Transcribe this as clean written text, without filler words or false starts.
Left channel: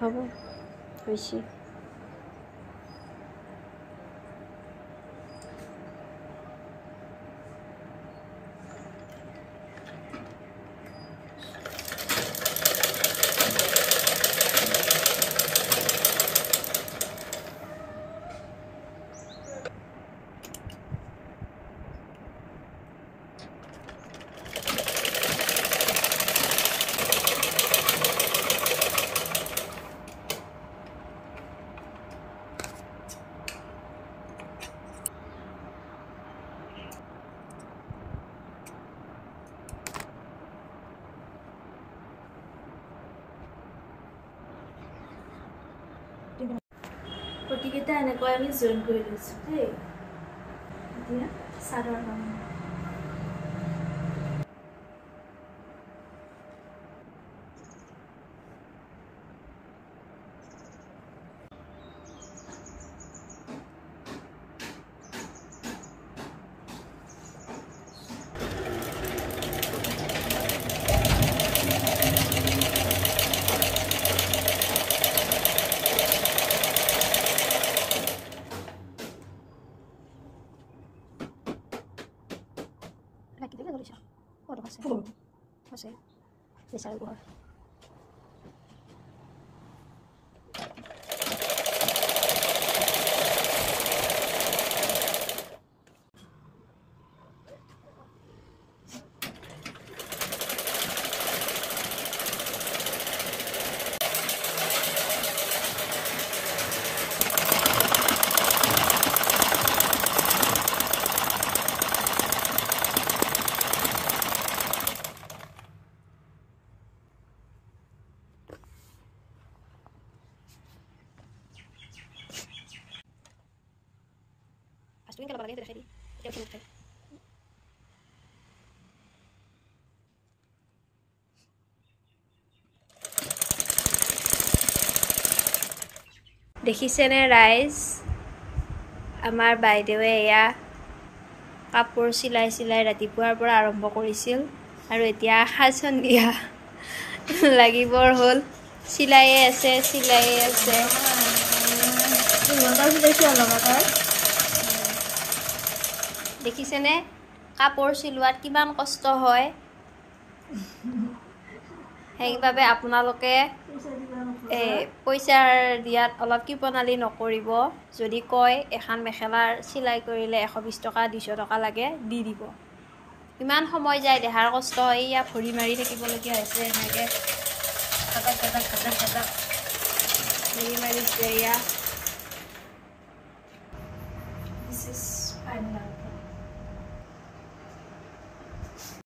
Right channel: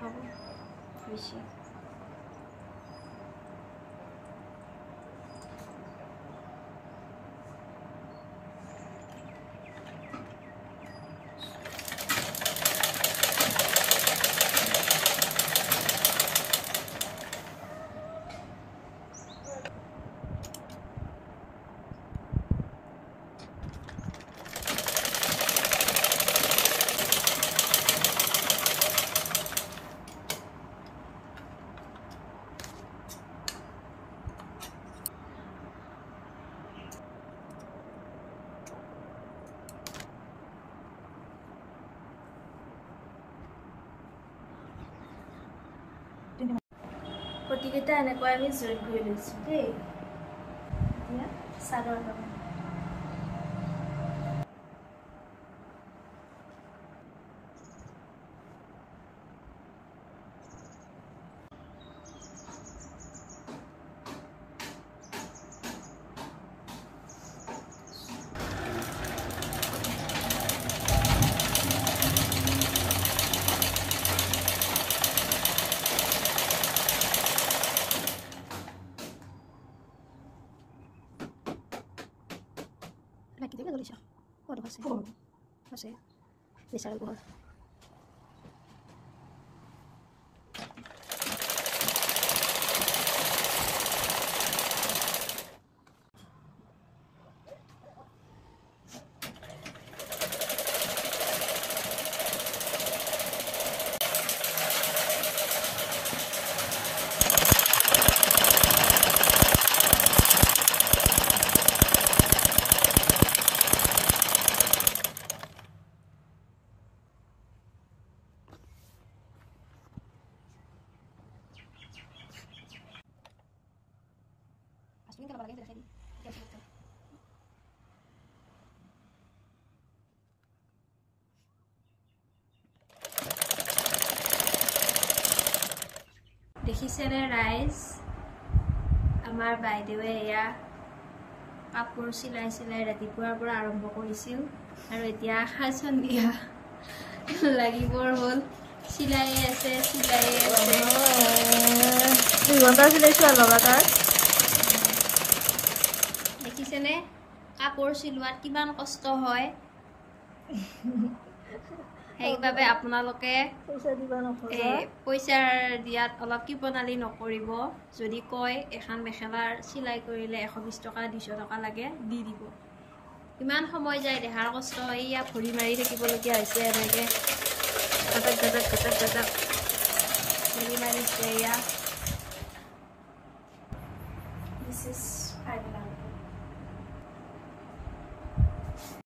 হ'ব হৈছে পটিকেইটা এনেকৈ আমি জইন কৰি লৈছোঁ দেই এতিয়া চাদৰ কাম Lagi juga tulis ya. Oh, udah kasih. Kasih. Bisa gua. Pastuin kalau lagi sudah ready. Kita udah ready. দেখিছেনে ৰাইজ আমাৰ বাইদেৱে এয়া কাপোৰ চিলাই ৰাতিপুৱাৰ পৰা আৰম্ভ কৰিছিল আৰু এতিয়া সাজন দিয়া লাগিবৰ হ'ল চিলাইয়ে আছে 2 ঘণ্টা চিলাইছে লগাতাৰ দেখিছেনে কাপোৰ চিলোৱাত কিমান কষ্ট হয় সেইবাবে আপোনালোকে পইচাৰ দিয়াত অলপ কিপনালি নকৰিব যদি কয় এখন মেখেলাৰ চিলাই কৰিলে 120 টকা 200 টকা লাগে দি দিব ইমান সময় যায় দেহাৰ কষ্ট হয় ইয়া ভৰি মাৰি থাকিবলগীয়া হৈছে এনেকৈ কাটাক ভৰি মাৰিছে ইয়া